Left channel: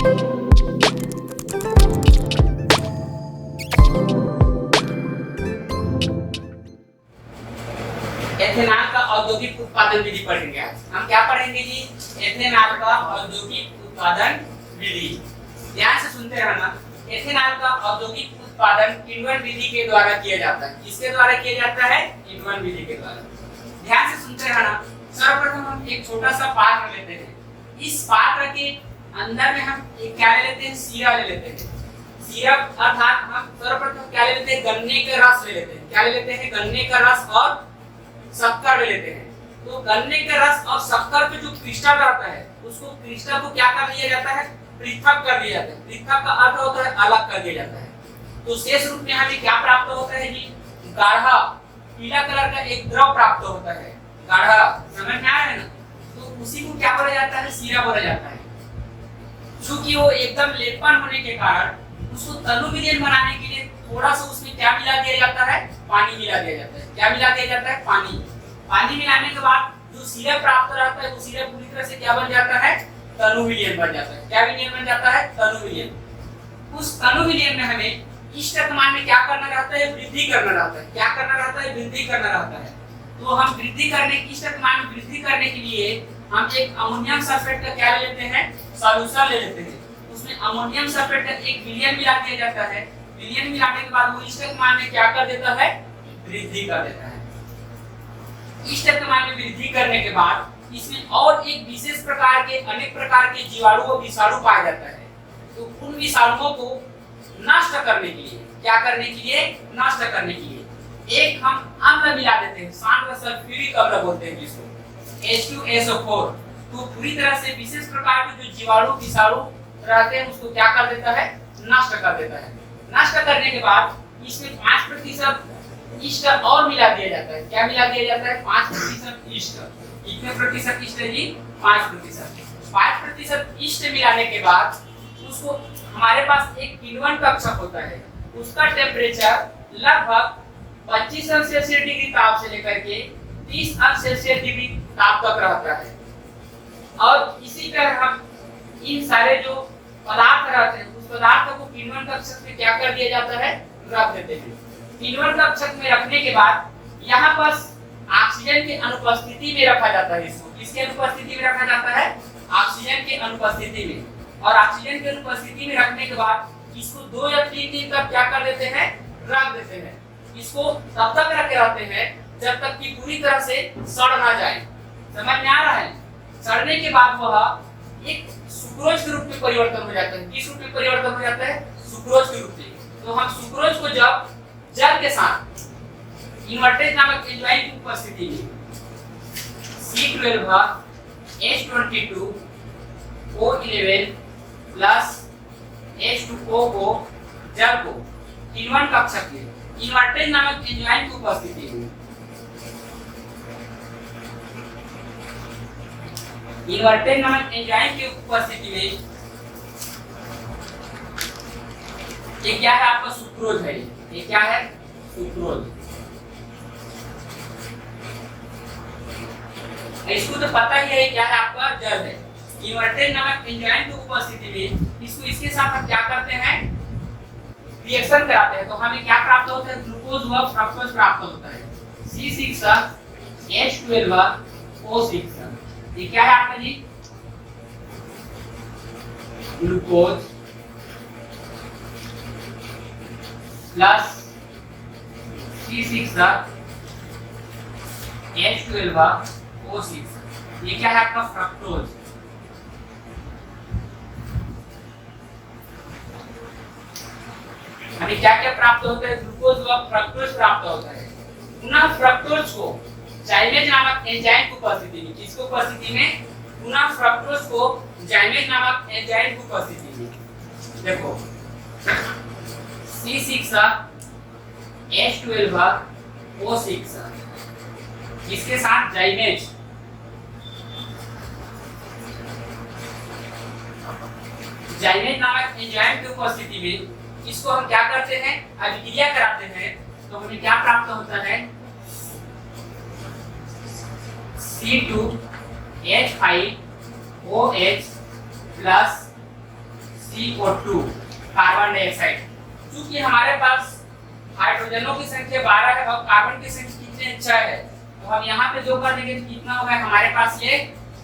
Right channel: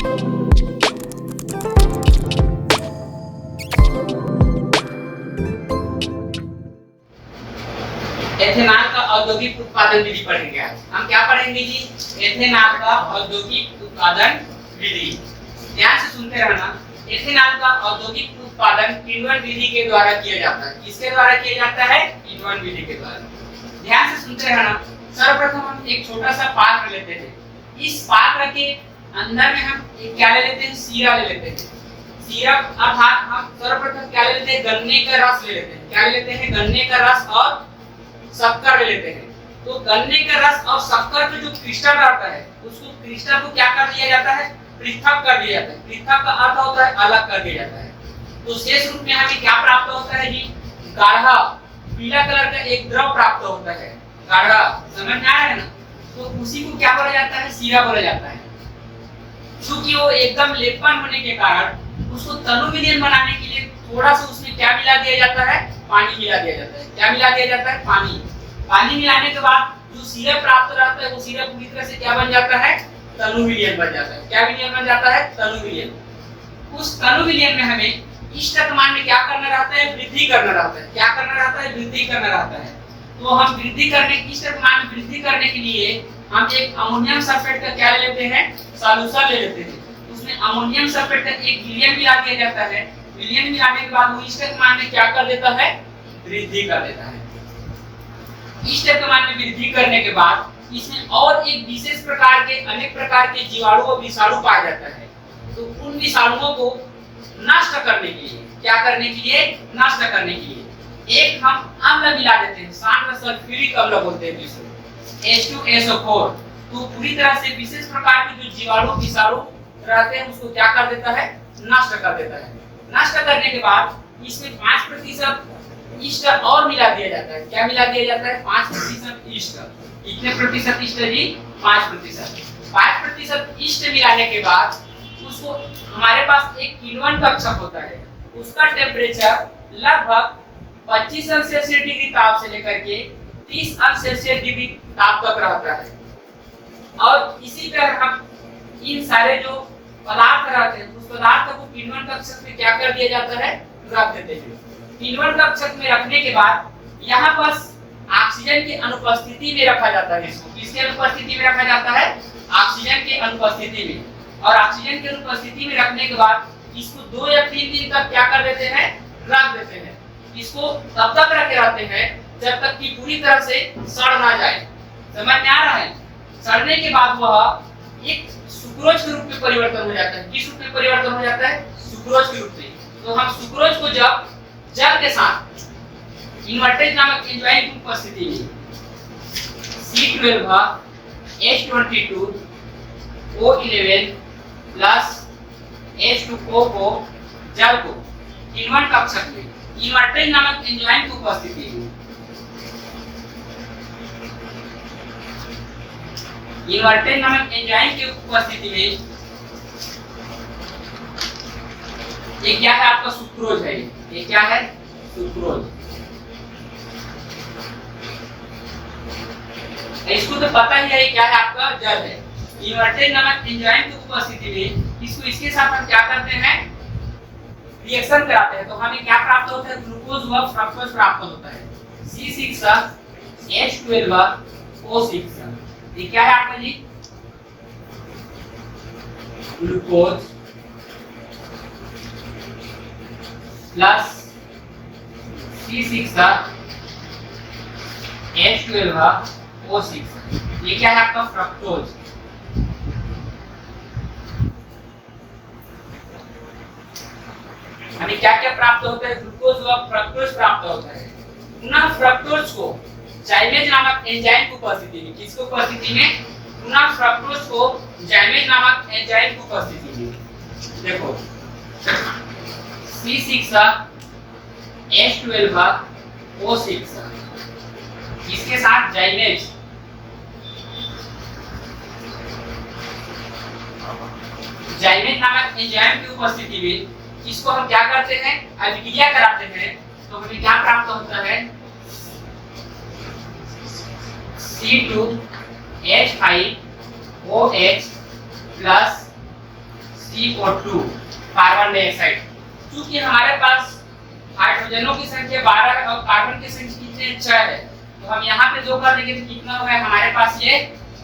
Ethanol का औद्योगिक उत्पादन विधि पढ़ेंगे आज। हम क्या पढ़ेंगे जी? एथेनॉल का औद्योगिक उत्पादन विधि। ध्यान से सुनते रहना। एथेनॉल का औद्योगिक उत्पादन किण्वन विधि के द्वारा किया जाता है। किसके द्वारा किया जाता है? किण्वन विधि के द्वारा। ध्यान से सुनते रहना। सर्वप्रथम हम एक छोटा सा पात्र लेते हैं। इस पात्र के अंदर में हम क्या ले लेते हैं? सीरा ले लेते हैं। सीरा अर्थात हम सर्वप्रथम क्या ले लेते हैं? गन्ने का रस ले लेते हैं। क्या ले लेते हैं? गन्ने का रस और शक्कर ले लेते हैं। तो गन्ने का रस और शक्कर का जो क्रिस्टल रहता है, उसको क्रिस्टल को क्या कर दिया जाता है? पृथक कर दिया जाता है। पृथक का अर्थ होता है अलग कर दिया जाता है। तो शेष रूप में हमें क्या प्राप्त होता है जी? गाढ़ा पीला कलर का एक द्रव प्राप्त होता है। गाढ़ा, समझ में आ रहा है ना? तो उसी को क्या बोला जाता है? सीरा बोला जाता है। क्योंकि वो एकदम लेपन होने के कारण उसको तनु विलीन बनाने के लिए थोड़ा सा उसमें क्या मिला दिया जाता है? पानी मिला दिया जाता है। क्या मिला दिया जाता है? पानी। पानी मिलाने के बाद जो सिरप प्राप्त रहता है वो सिरप पूरी तरह से क्या बन जाता है? तनु विलीन बन जाता है। क्या विलीन बन जाता है? तनु विलीन। उस तनु विलीन में हमें इष्टक मान में क्या करना रहता है? वृद्धि करना रहता है। क्या करना रहता है? वृद्धि करना रहता है। तो हम वृद्धि करने इष्टक मान में वृद्धि करने के लिए हम एक अमोनियम सल्फेट का क्या ले लेते हैं? सॉल्यूशन ले लेते हैं। उसमें अमोनियम सल्फेट का एक विलयन मिला दिया जाता है। विलयन मिलाने के बाद वो इष्टक मान में क्या कर देता है? वृद्धि कर देता है। इष्टक मान में वृद्धि करने के बाद इसमें और एक विशेष प्रकार के अनेक प्रकार के जीवाणु और विषाणु पाया जाता है। तो उन विषाणुओं को नष्ट करने के लिए, क्या करने के लिए? नष्ट करने के लिए एक हम अम्ल मिला देते हैं। सांद्र सल्फ्यूरिक अम्ल बोलते हैं जिसको, H2SO4। तो पूरी तरह से विशेष प्रकार के जो जीवाणु विषाणु रहते हैं उसको क्या कर देता है? नष्ट कर देता है। नष्ट करने के बाद इसमें 5% ईस्ट और मिला दिया जाता है। क्या मिला दिया जाता है? 5% ईस्ट। कितने प्रतिशत ईस्ट है जी? 5%। 5% ईस्ट मिलाने के बाद उसको हमारे पास एक किण्वन कक्षक होता है। उसका टेम्परेचर लगभग 25 अंश सेल्सियस डिग्री ताप से लेकर के 30 अंश सेल्सियस डिग्री ताप तक रहता है। और इसी तरह हम इन सारे जो पदार्थ रहते हैं उस पदार्थ को किण्वन कक्षक में क्या कर दिया जाता है? रख देते हैं। किण्वन कक्षक में रखने के बाद यहाँ पर ऑक्सीजन की अनुपस्थिति में रखा जाता है। इसको किसके अनुपस्थिति में रखा जाता है? ऑक्सीजन की अनुपस्थिति में। और ऑक्सीजन की अनुपस्थिति में रखने के बाद इसको 2 या 3 दिन तक क्या कर देते हैं? रख देते हैं। इसको तब तक रखे रहते हैं जब तक कि पूरी तरह से सड़ ना जाए। समझ में आ रहा है? सड़ने के बाद वह एक सुक्रोज के रूप में परिवर्तन हो जाता है। किस रूप में परिवर्तन हो जाता है? सुक्रोज के रूप में। तो हम सुक्रोज को जब जल के साथ इन्वर्टेज नामक एंजाइम की उपस्थिति में C12H22O11 प्लस H2O को जल को इन्वर्ट कक्षक में इन्वर्टेज नामक एंजाइम की उपस्थिति में इन्वर्टेज नामक एंजाइम की उपस्थिति में ये क्या है? आपका सुक्रोज है। ये क्या है? सुक्रोज। इसको तो पता ही है क्या है? आपका जल है। इन्वर्टेज नामक एंजाइम की उपस्थिति में इसको इसके साथ हम क्या करते हैं? रिएक्शन कराते हैं। तो हमें क्या प्राप्त होता है? ग्लूकोज व फ्रक्टोज प्राप्त होता है। C6H12O6। ये क्या है आपका जी? Glucose plus C6H12O6। ये क्या है आपका? फ्रक्टोज। हमें क्या क्या प्राप्त होता है? ग्लूकोज व फ्रक्टोज प्राप्त होता है। पुनः फ्रक्टोज को जाइमेज नामक एंजाइम की उपस्थिति में, किसको उपस्थिति में? पुनः फ्रक्टोज को जाइमेज नामक एंजाइम की उपस्थिति में देखो C6H12O6 इसके साथ जाइमेज नामक एंजाइम की उपस्थिति में इसको हम क्या करते हैं? अभिक्रिया कराते हैं। तो हमें क्या प्राप्त होता है? C2H5OH plus CO2 carbon dioxide. चूंकि हमारे पास हाइड्रोजनों की संख्या 12 है और कार्बन की संख्या कितने 6 है, तो हम यहाँ पे जो कर देंगे तो कितना हो गया हमारे पास ये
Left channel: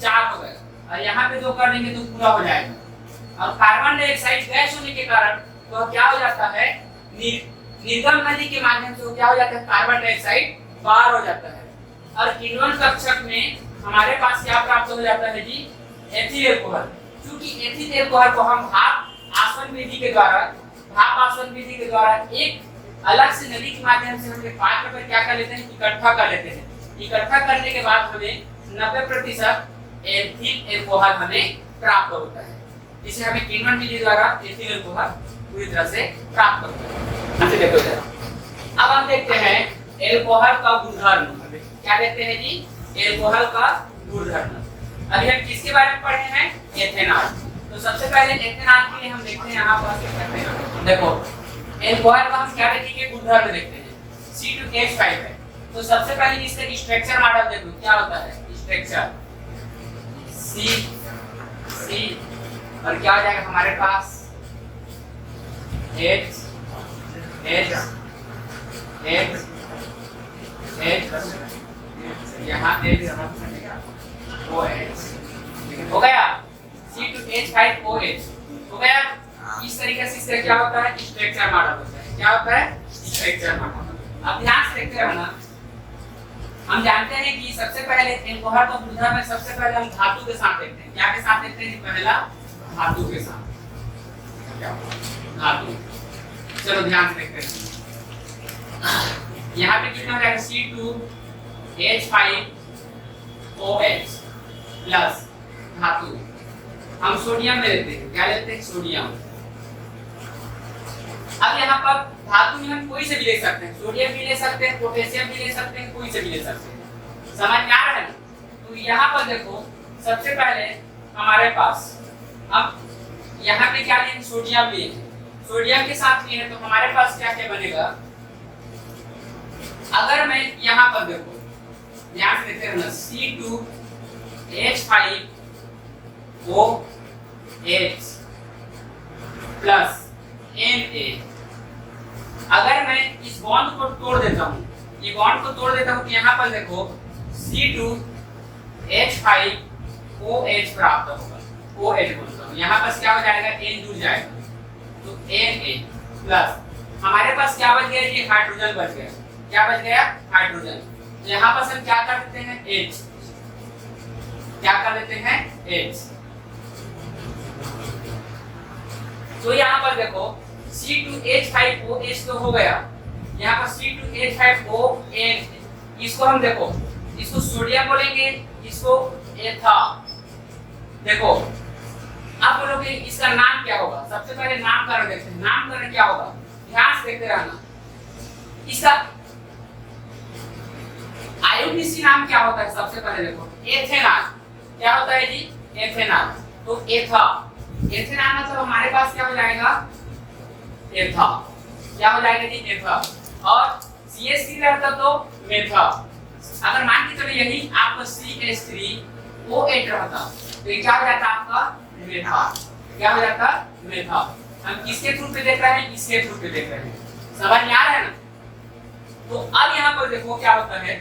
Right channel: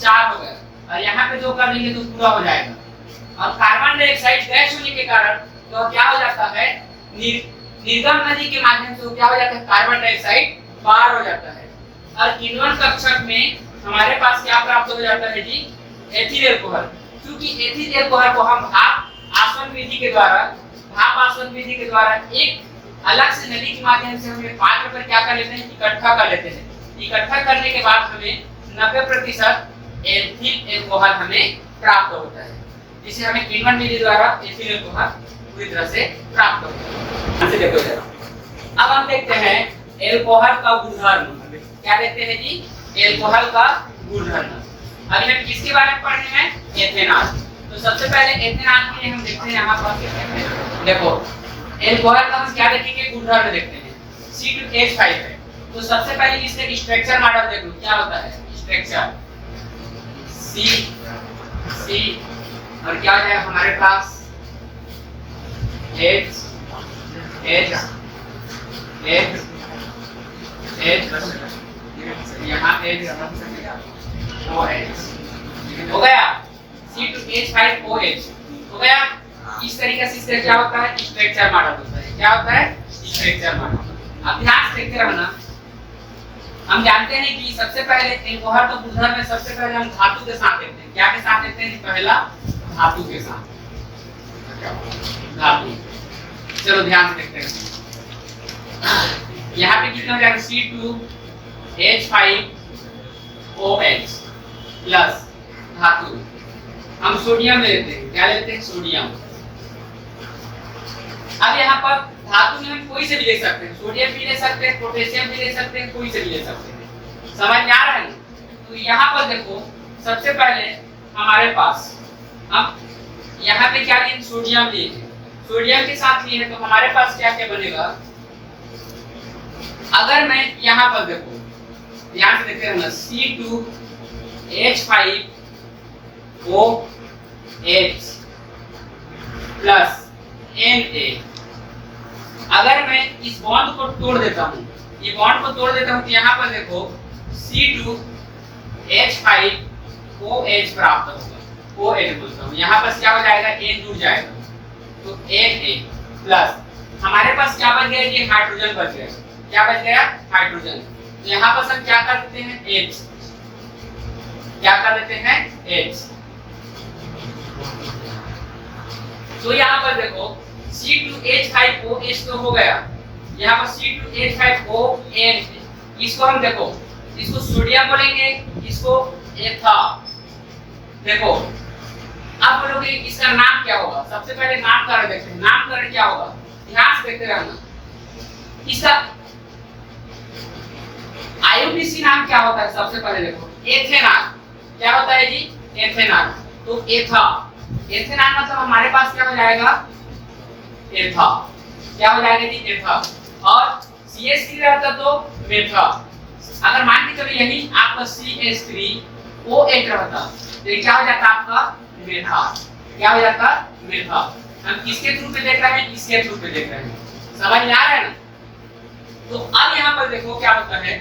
4 हो गया, और यहाँ पे जो कर देंगे तो पूरा हो जाएगा। और कार्बन डाइऑक्साइड गैस होने के कारण तो क्या हो जाता है, निर्गम नदी के माध्यम से क्या हो जाता है, कार्बन डाइऑक्साइड बाहर हो जाता है। और किण्वन कक्षक में हमारे पास क्या प्राप्त हो जाता है जी, एथिल अल्कोहल। क्योंकि एथिल अल्कोहल को हम भाप आसवन विधि के द्वारा एक अलग से नली के माध्यम से हम पात्र पर क्या कर लेते हैं, इकट्ठा कर लेते हैं। इकट्ठा करने के बाद हमें 90% एथिल अल्कोहल हमें प्राप्त होता है, जिसे हमें किण्वन विधि द्वारा एथिल अल्कोहल पूरी तरह से प्राप्त होता है। देखो इधर, अब हम देखते हैं अल्कोहल का गुणधर्म। क्या देखते हैं जी, अल्कोहल का गुणधर्म। अभी हम किसके बारे में पढ़े हैं, एथेनॉल। तो सबसे पहले एथेनॉल के लिए हम देखते हैं यहाँ पर, देखो अल्कोहल का हम क्या देखेंगे, गुणधर्म देखते हैं। C2H5 है, तो सबसे पहले इसका स्ट्रक्चर मॉडल देखो क्या होता है, स्ट्रक्चर C और क्या आ जाएगा हमारे पास H यहाँ OH हो गया, C2H5OH हो गया। इस तरीके से इसका क्या होता है, स्ट्रक्चर मॉडल होता है। क्या होता है, स्ट्रक्चर मॉडल। अब ध्यान से देखते रहना, हम जानते हैं कि सबसे पहले अल्कोहल का गुणधर्म में सबसे पहले हम धातु के साथ देखते हैं। क्या के साथ देखते हैं, पहला धातु के साथ, धातु। चलो ध्यान से देखते हैं, यहाँ पे कितना हो जाएगा, C2H5OH प्लस धातु। हम सोडियम ले लेते हैं, क्या लेते हैं, सोडियम। अब यहाँ पर धातु में हम कोई से भी ले सकते हैं, सोडियम भी ले सकते हैं, पोटेशियम भी ले सकते हैं, कोई से भी ले सकते हैं। समझ में आ रहा है ना? तो यहाँ पर देखो सबसे पहले हमारे पास, अब यहाँ पे क्या लिए, सोडियम लिए, सोडियम के साथ लिए तो हमारे पास क्या क्या बनेगा। अगर मैं यहाँ पर देखो ध्यान से देखते रहना, C2H5OH प्लस Na। अगर मैं इस बॉन्ड को तोड़ देता हूँ, ये बॉन्ड को तोड़ देता हूँ, तो यहाँ पर देखो C2H5OH प्राप्त होगा, OH बोलता हूँ। यहाँ पर क्या हो जाएगा, N जुड़ जाएगा, तो Na प्लस हमारे पास क्या बच गया, ये हाइड्रोजन बच गया। क्या बच गया, हाइड्रोजन। तो यहाँ पर हम क्या कर देते हैं, H, क्या कर देते हैं, H। तो यहाँ पर देखो C2H5OH तो हो गया, यहाँ पर C2H5ON, इसको हम देखो, इसको सोडियम बोलेंगे, इसको एथा। देखो अब बोलोगे इसका नाम क्या होगा, सबसे पहले नामकरण देखते हैं। नामकरण क्या होगा, ध्यान से देखते रहना। इसका आयुर्वेदिक नाम क्या होता है, सबसे पहले देखो एथेनॉल। क्या होता है जी, एथेनॉल। तो एथा, एथेनॉल मतलब हमारे पास क्या हो जाएगा, एथा। क्या हो जाएगा जी, एथा। और CH3 रहता तो मेथा। अगर मान के चलो यही आपका CH3OH रहता तो ये क्या हो जाता आपका, मेथा। क्या हो जाता, मेथा। हम किसके थ्रू पे देख रहे हैं, इसके थ्रू पे देख रहे हैं। समझ में आ रहा है ना? तो अब यहाँ पर देखो क्या होता है,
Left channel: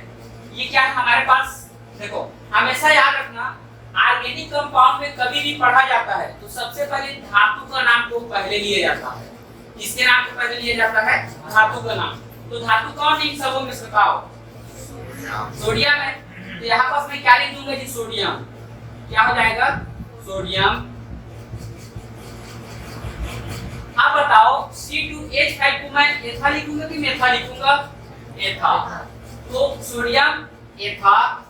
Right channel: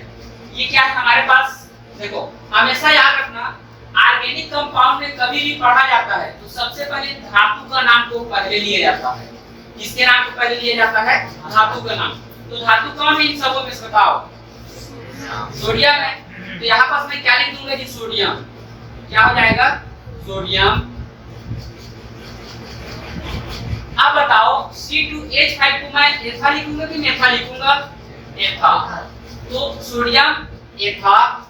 ये क्या है हमारे पास, देखो हमेशा याद रखना, ऑर्गेनिक कंपाउंड में कभी भी पढ़ा जाता है तो सबसे पहले धातु का नाम को पहले लिया जाता है। किसके नाम को पहले लिया जाता है, धातु का नाम। तो धातु कौन है इन सबों में से बताओ, सोडियम है। तो यहाँ पास मैं क्या लिख दूंगा जी, सोडियम। क्या हो जाएगा, सोडियम। अब बताओ C2H5 को मैं एथा लिखूंगा कि मेथा लिखूंगा, एथा। तो सोडियम एथा।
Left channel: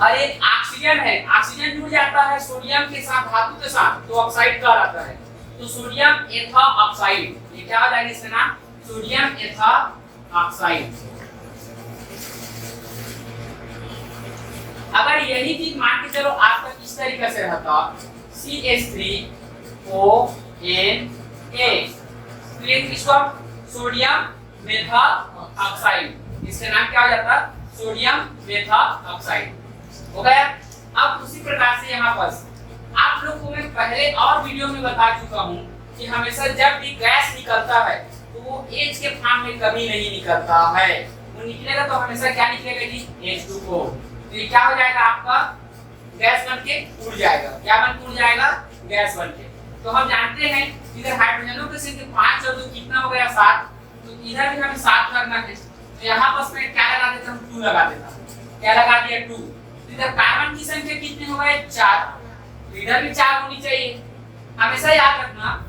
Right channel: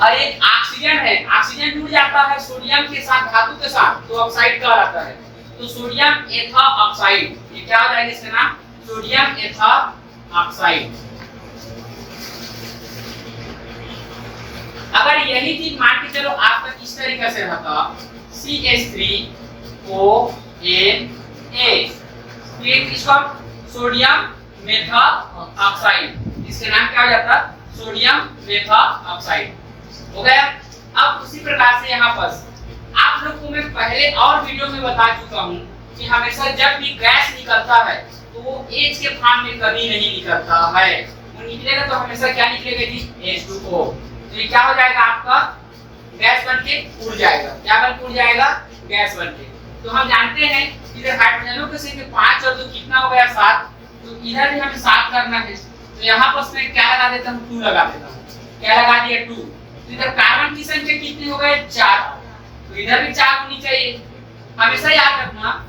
अरे ऑक्सीजन है, ऑक्सीजन जुड़ जाता है सोडियम के साथ, धातु के साथ, तो ऑक्साइड कहलाता है। तो सोडियम एथा ऑक्साइड, ये क्या हो जाएगा इसका नाम, सोडियम एथा ऑक्साइड। अगर यही चीज मान के चलो आपका इस तरीके से रहता, CH3ONA, तो ये इसको सोडियम मेथा ऑक्साइड, इसका नाम क्या हो जाता, सोडियम मेथा ऑक्साइड। हो गया। अब उसी प्रकार से यहाँ पर पहले और वीडियो में बता चुका हूँ कि हमेशा जब भी गैस निकलता है तो वो H के फॉर्म में कभी नहीं निकलता है। वो निकलेगा तो हमेशा क्या निकलेगा जी, H2O। तो ये क्या हो जाएगा आपका, गैस बन के उड़ जाएगा। क्या बन के उड़ जाएगा, गैस बन के। तो हम जानते हैं इधर हाइड्रोजनों के संख्या 5 और 2 कितना हो गया 7, तो इधर भी हमें 7 करना है। तो यहाँ पर मैं क्या लगा देता हूँ, 2 लगा देता हूँ। क्या लगा दिया, 2। तो इधर कार्बन की संख्या कितनी हो गई, 4, तो इधर भी 4 होनी चाहिए। हमेशा याद रखना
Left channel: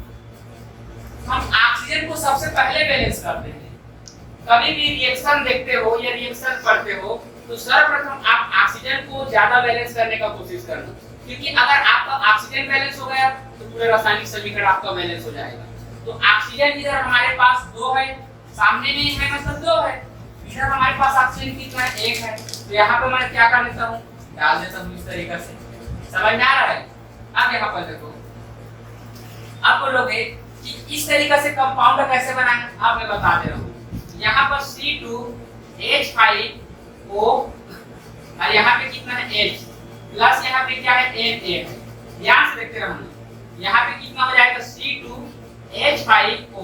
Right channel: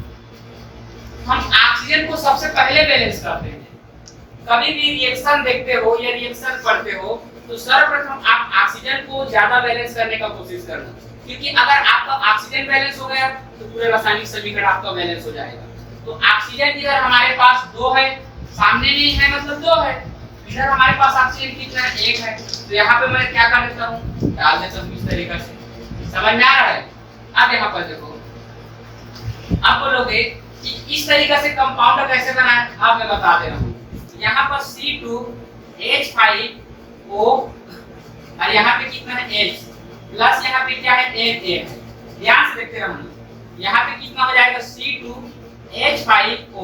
हम ऑक्सीजन को सबसे पहले बैलेंस करते हैं। कभी भी रिएक्शन देखते हो या रिएक्शन पढ़ते हो तो सर्वप्रथम आप ऑक्सीजन को ज्यादा बैलेंस करने का कोशिश करना, क्योंकि अगर आपका ऑक्सीजन बैलेंस हो गया तो पूरे रासायनिक समीकरण आपका बैलेंस हो जाएगा। तो ऑक्सीजन इधर हमारे पास 2 है, सामने भी है मतलब 2 है। इधर हमारे पास ऑक्सीजन कितना है, 1 है। तो यहाँ पे मैं क्या कर देता हूँ, डाल देता हूँ इस तरीके से। समझ में आ रहा है। अब यहाँ पर देखो, अब बोलोगे कि इस तरीके से कंपाउंड कैसे बना है, अब मैं बता दे रहा हूँ। यहाँ पर C2H5O और यहाँ पे कितना है H प्लस यहाँ पे क्या है N8 है। ध्यान से देखते रहना। यहाँ पे कितना हो जाएगा C2H5O।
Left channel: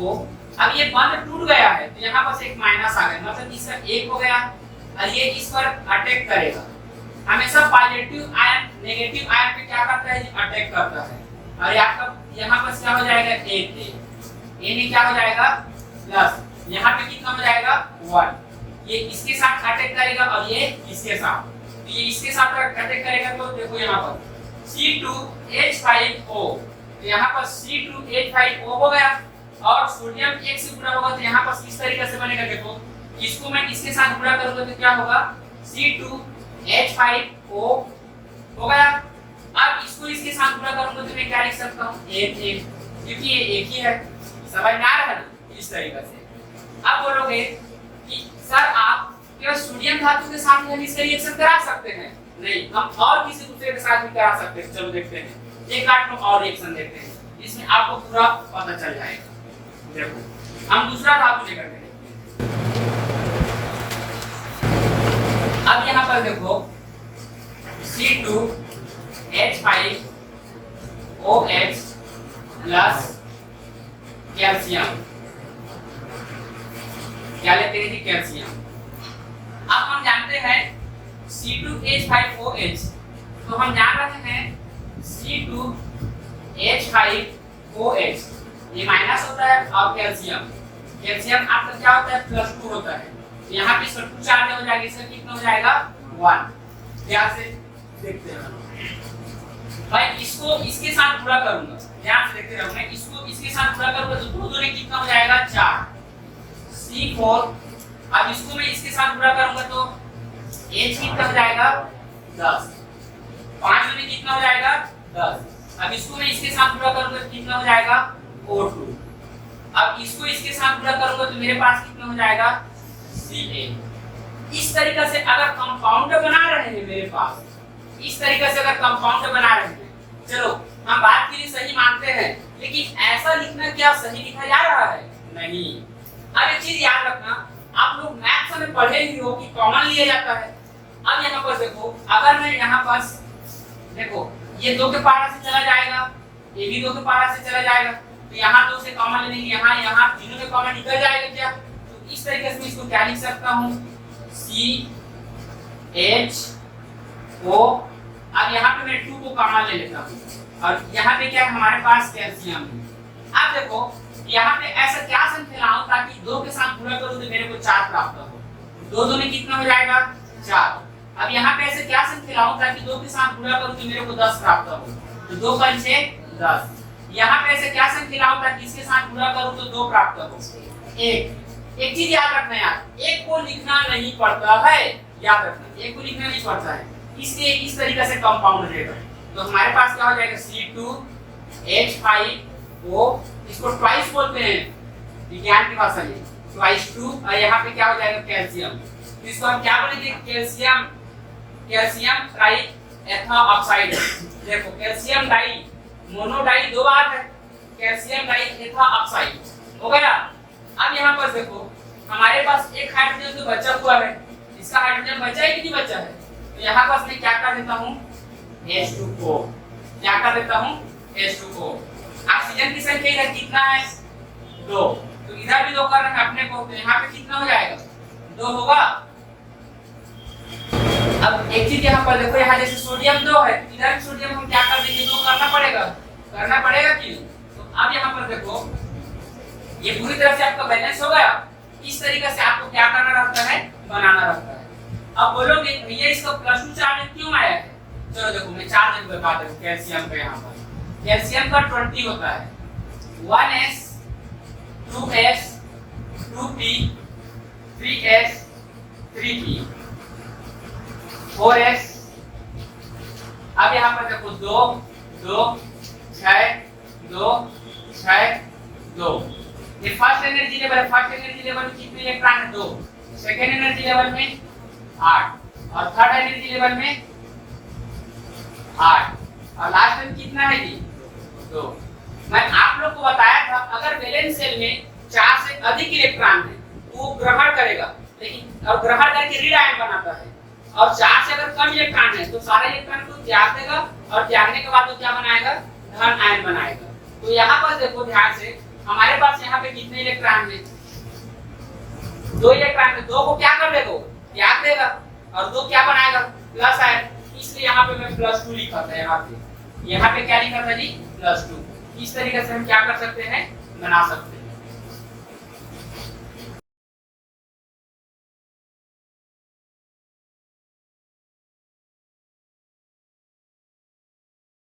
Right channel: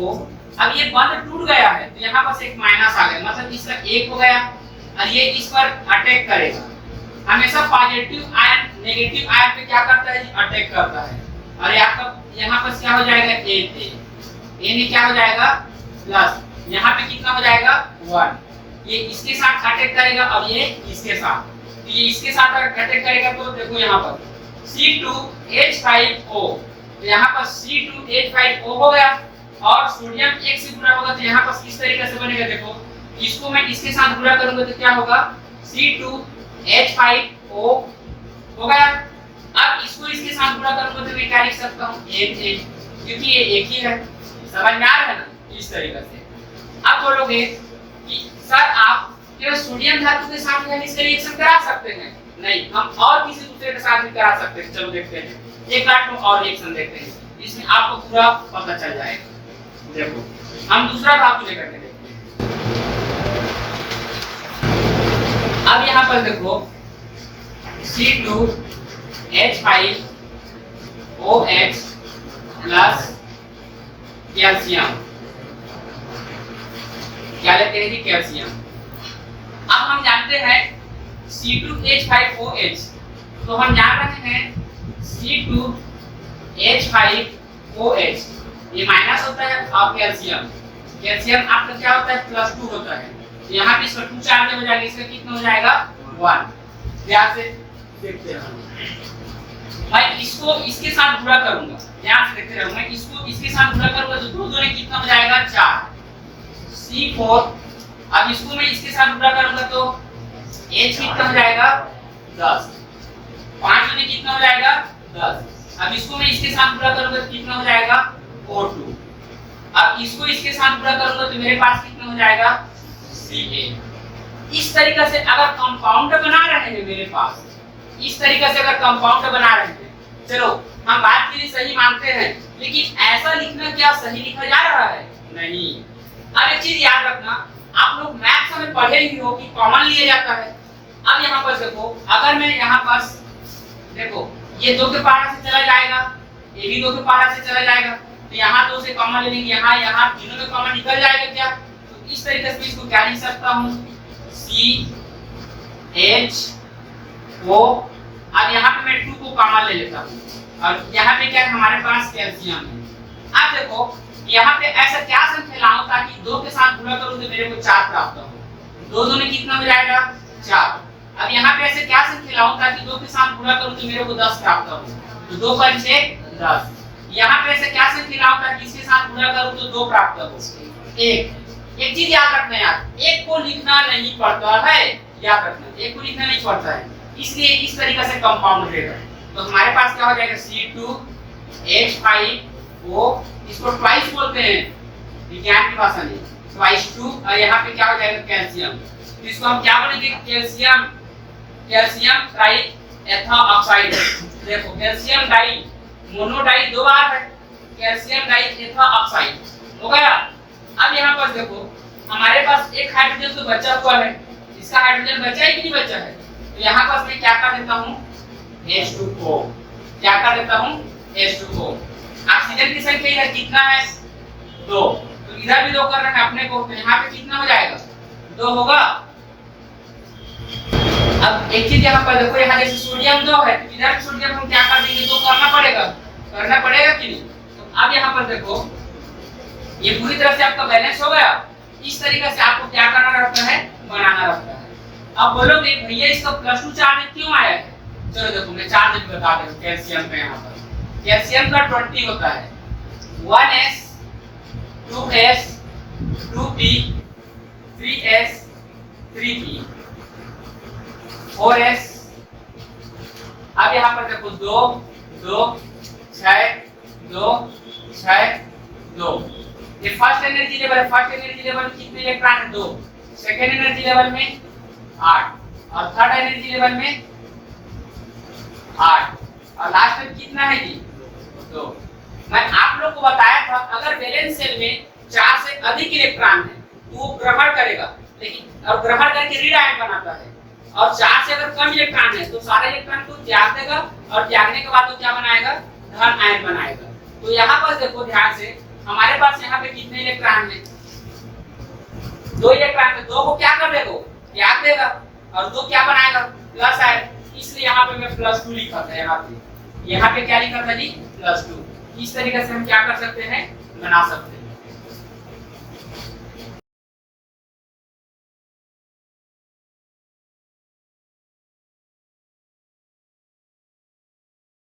अब ये बंद टूट गया है तो यहाँ पर एक माइनस आ गया, मतलब इसका 1 हो गया और ये इस पर अटैक करेगा। हमेशा पॉजिटिव आयन नेगेटिव आयन पे क्या करता है, अटैक करता है। और यहाँ पर क्या हो जाएगा, Na क्या हो जाएगा प्लस, यहाँ पे कितना हो जाएगा 1। ये इसके साथ अटैक करेगा और ये इसके साथ, तो ये इसके साथ अटैक करेगा। तो देखो यहाँ पर C2H5O, तो यहाँ पर C2H5O हो गया और सोडियम 1 से गुणा होगा तो यहाँ पर इस तरीके से बनेगा। देखो इसको मैं इसके साथ गुणा करूंगा तो क्या होगा, C2H5O हो गया। अब इसको इसके साथ गुणा करूंगा तो मैं क्या लिख सकता हूँ, Na, क्योंकि ये एक ही है। समझ में आ रहा है ना, इस तरीके से। अब बोलोगे कि सर आप केवल सोडियम धातु के साथ हम इसका रिएक्शन करा सकते हैं? नहीं, हम और किसी दूसरे के साथ भी करा सकते हैं। चलो देखते हैं, एक आठ और रिएक्शन देखते हैं, इसमें आपको पूरा पता चल जाएगा। देखो हम दूसरा धातु लेकर के देखते हैं। अब यहाँ पर देखो C2H5OH प्लस कैल्शियम, क्या लेते हैं जी, कैल्शियम। अब हम जानते हैं C2H5OH, तो हम जान रहे हैं C2H5OH ये माइनस होता है और कैल्शियम आपका क्या होता है, +2 होता है। यहाँ पे इसका 2 चार्ज हो जाएगा, इसका कितना हो जाएगा 1। ध्यान से देखते हैं भाई, इसको इसके साथ गुणा करूंगा, ध्यान से देखते रहो। मैं इसको इसके साथ गुणा करूंगा तो 2 दूनी कितना हो जाएगा 4 C4। अब इसको मैं इसके साथ गुणा करूंगा तो H कितना हो जाएगा 10, 5 दूनी कितना हो जाएगा 10। अब इसको मैं इसके साथ गुणा करूंगा तो कितना हो जाएगा O2। अब इसको इसके साथ गुणा करूंगा तो मेरे पास कितना हो जाएगा Ca। इस तरीके से अगर कंपाउंड बना रहे हैं मेरे पास, इस तरीके से अगर कंपाउंड बना रहे हैं, चलो हम बात के लिए सही मानते हैं, लेकिन ऐसा लिखना क्या सही लिखा जा रहा है? नहीं। अब एक चीज याद रखना, आप लोग मैथ्स में पढ़े ही हो कि कॉमन लिया जाता है। अब यहाँ पर देखो, अगर मैं यहाँ पास देखो ये 2 के पारा से चला जाएगा, ये भी 2 के पारा से चला जाएगा, तो यहाँ 2 से कॉमन ले लेंगे, यहाँ तीनों में कॉमन निकल जाएगा क्या? तो इस तरीके से इसको क्या लिख सकता हूँ, CHO। अब यहाँ पे मैं 2 को कॉमन ले लेता हूँ और यहाँ पे क्या है हमारे पास कैल्शियम है। अब देखो यहाँ पे ऐसा क्या संख्या लाऊं ताकि 2 के साथ गुणा करूं तो मेरे को 4 प्राप्त हो। 2 दूनी कितना हो जाएगा 4। अब यहाँ पे ऐसे क्या संख्या लाऊं ताकि 2 के साथ गुणा करूं तो मेरे को 10 प्राप्त हो। तो 2 पर 6 10। यहाँ पे ऐसे क्या संख्या लाऊं ताकि इसके साथ गुणा करूं तो 2 प्राप्त हो। एक चीज याद रखना यार, 1 को लिखना नहीं पड़ता है, याद रखना 1 को लिखना नहीं पड़ता है, इसलिए इस तरीके से कंपाउंड रहेगा। तो हमारे पास क्या हो जाएगा C2H5O, इसको ट्वाइस बोलते हैं विज्ञान की भाषा में, ट्वाइस 2। और यहाँ पे क्या हो जाएगा कैल्शियम, तो इसको हम क्या बोलेंगे, कैल्शियम ट्राई एथा ऑक्साइड। देखो कैल्शियम डाई मोनो डाई 2 बार है, कैल्शियम डाई एथा ऑक्साइड हो गया। अब यहाँ पर देखो हमारे पास एक हाइड्रोजन तो बचा हुआ है, इसका हाइड्रोजन बचा है कि नहीं बचा है? तो यहाँ पर मैं क्या कर देता हूँ H2O, क्या कर देता हूँ H2O। ऑक्सीजन की संख्या इधर कितना है 2, तो इधर भी 2 करना है अपने को, तो यहाँ पे कितना हो जाएगा 2 होगा। अब एक चीज यहाँ पर देखो, यहाँ जैसे सोडियम 2 है, तो इधर सोडियम हम क्या कर देंगे 2 करना पड़ेगा कि नहीं। तो अब यहाँ पर देखो ये पूरी तरह से आपका बैलेंस हो गया। इस तरीके से आपको क्या करना रहता है, बनाना रहता है। अब बोलोगे भैया इसका +2 चार्ज क्यों आया है, चलो देखो मैं चार्ज भी बता देता हूं। कैल्शियम का यहाँ पर कैल्शियम का 20 होता है, 1s 2s 2p 3s 3p 4s। अब यहाँ पर देखो 2 2 6 2 6 2। ये फर्स्ट एनर्जी लेवल है, फर्स्ट एनर्जी लेवल में कितने इलेक्ट्रॉन है 2, सेकंड एनर्जी लेवल में 8 और थर्ड एनर्जी लेवल में 8 और लास्ट में कितना है जी 2। मैं आप लोग को बताया था अगर वैलेंस शेल में 4 से अधिक इलेक्ट्रॉन है तो वो ग्रहण करेगा, लेकिन और ग्रहण करके ऋण आयन बनाता है, और 4 से अगर कम इलेक्ट्रॉन है तो सारे इलेक्ट्रॉन को त्याग देगा और त्यागने के बाद वो क्या बनाएगा धन आयन बनाएगा। तो यहाँ पर देखो ध्यान से, हमारे पास यहाँ पे कितने इलेक्ट्रॉन है 2 इलेक्ट्रॉन है, 2 को क्या कर देगा त्याग देगा और 2 क्या बनाएगा प्लस आयन, इसलिए यहाँ पे मैं +2 लिखा था। यहाँ पे क्या लिखा था जी +2। इस तरीके से हम क्या कर सकते हैं बना सकते हैं।